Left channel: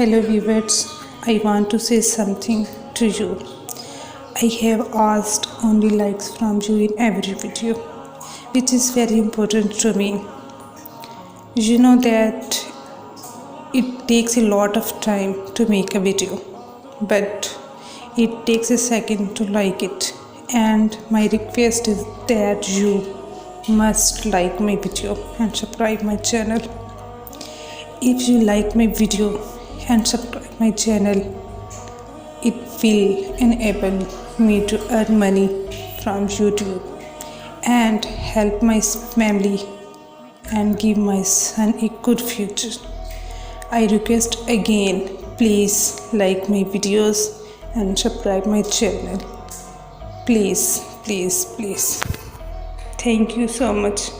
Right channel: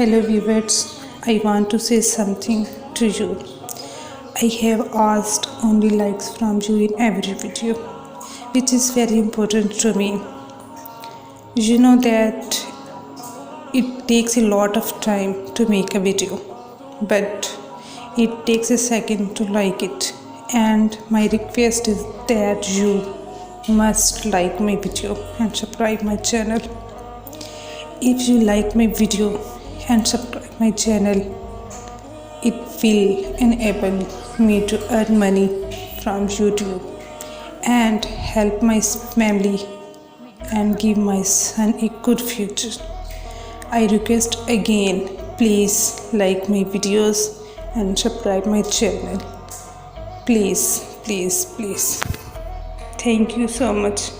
Hello viewers, I want to say something to you. I have asked only likes from you in every video, which is very important to me. You know that it takes a lot of time to make a video, but it takes a second to like it. And my request is that you must like my video and subscribe my channel. If you like my video and subscribe my channel, it will enable me to earn money from YouTube and help my family and give my son a good future. I request again, please like my videos and subscribe my channel. Please. Thank you so much.